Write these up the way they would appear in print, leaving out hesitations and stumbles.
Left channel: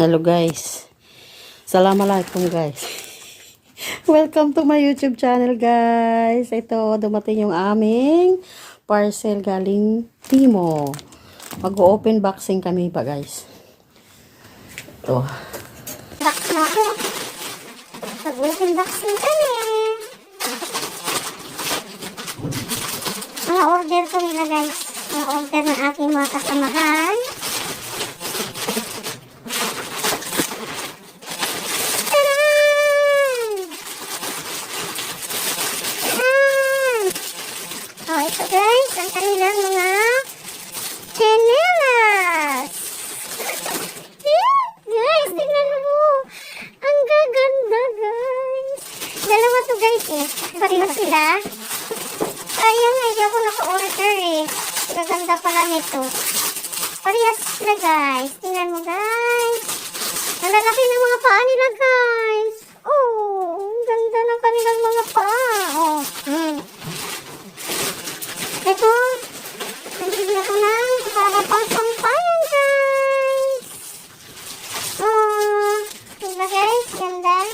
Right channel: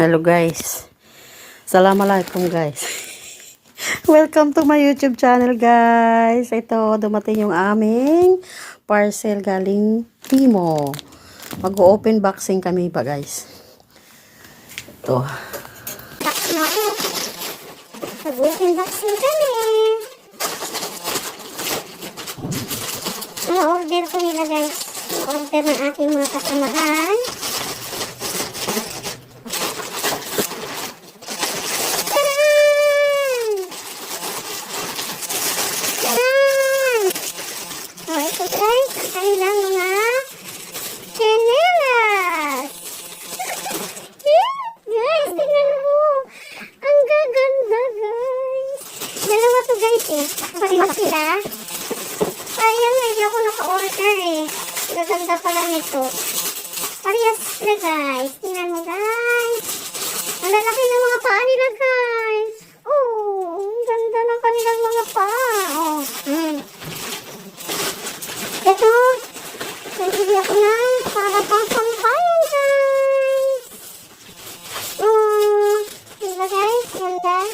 Hello guys. Assalamualaikum guys. Welcome to my YouTube channel guys. Ito, dumating yung aming parcel galing Timo. Mag-open boxing kami pa guys. Ito. Mag-open boxing kami. Ma-order ko nila guys. Ma-order ng aking mga kasamahan. Ito guys, ang kanilang mga chanelas. Guys, tingnan mo. Ang gaganda guys. Dalawa to guys eh. Pareho sila. Ayan, hindi ako naka-order eh. Gaganda pala nito. Parehas sila guys. Tingnan mo guys. Ang lalaki ng mga paa nila guys. Oh, ang ganda ng kanilang mga paa. Oh, ito, nabili ako ng para pang sampayan guys. Diba guys? Ganda.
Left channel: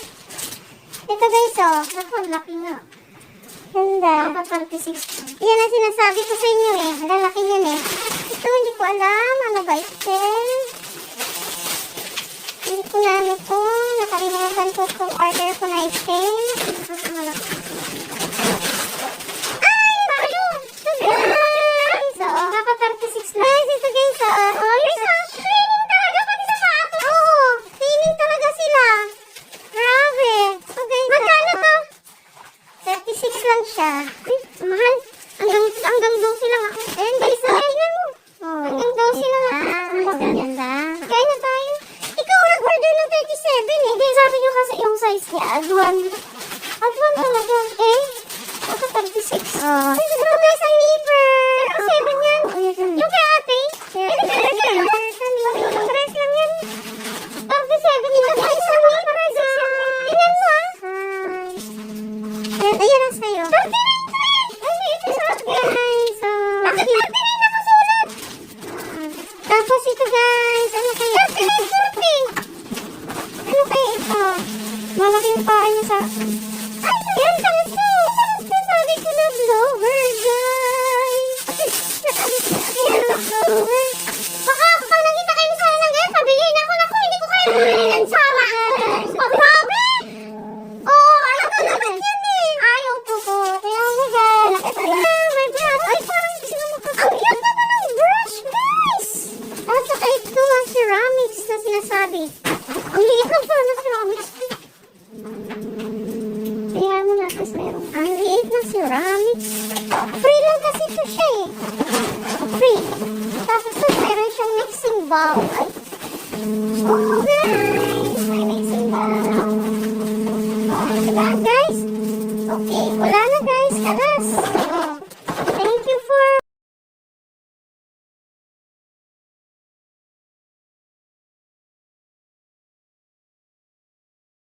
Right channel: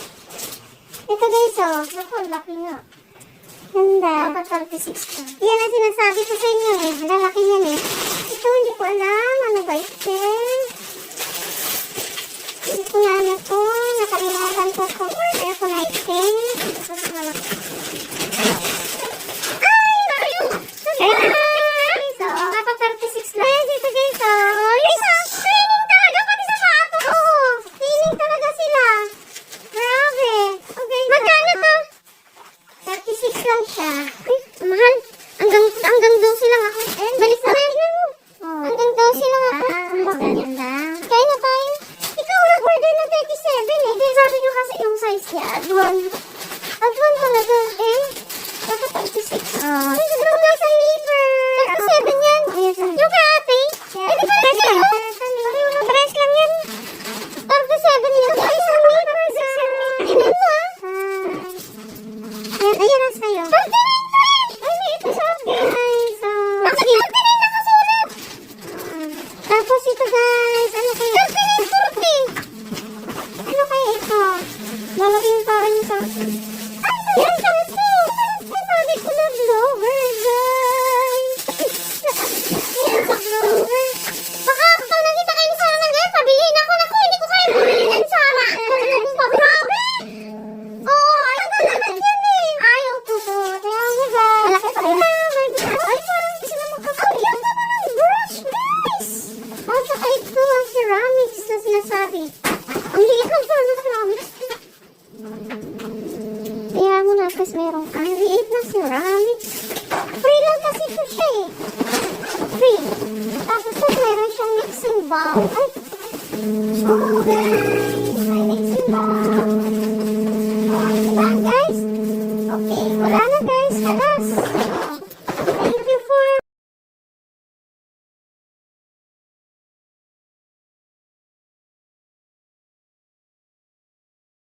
Ito guys oh. Naku, laki nga. Ganda. 36. Yan ang sinasabi ko sa inyo eh. Lalaki yan eh. Ito, hindi ko alam. Ano ba ito? Hindi ko na ano to. Nakalimutan ko kung order ko na ito. Hanggang 12 lang ako. Balis na rin mo. Hanggang 12 lang ako. Kaya na tayo. Ikaw nag-order ng 37 eh. Di sabi nyo kasi yung size niya. Adwan talaga. Baka 36. Ay, ito guys, ang liver. 37 yan. Yung kay ate. Pares lang yan. 37 yan. Ay, isang liver. Tingnan mo ah. Ayan ang sa'yo. 39 guys. Tapos ito guys, ano kaya? 39.40. Ano kaya ito? Malaki yung paa niya sa... Ay, yan sa ito. Sabi ko na blower guys. Baka pag nakita kayo ni Sarah ng ganyan, sabihin ako na ko, hindi ko kaya bilhin ng Sarah. Papabi! Oh, ayaw ko naman yan eh. Ayaw ko po. Ayaw mo guys. May brush. Ay, parang hindi sila makakaya. Ang ganda mo ng brush guys. At saka ito, ceramics na sinasabi. Ang liit lang sana ng ceramics. Tingnan mo natin merong ang liit na ceramics.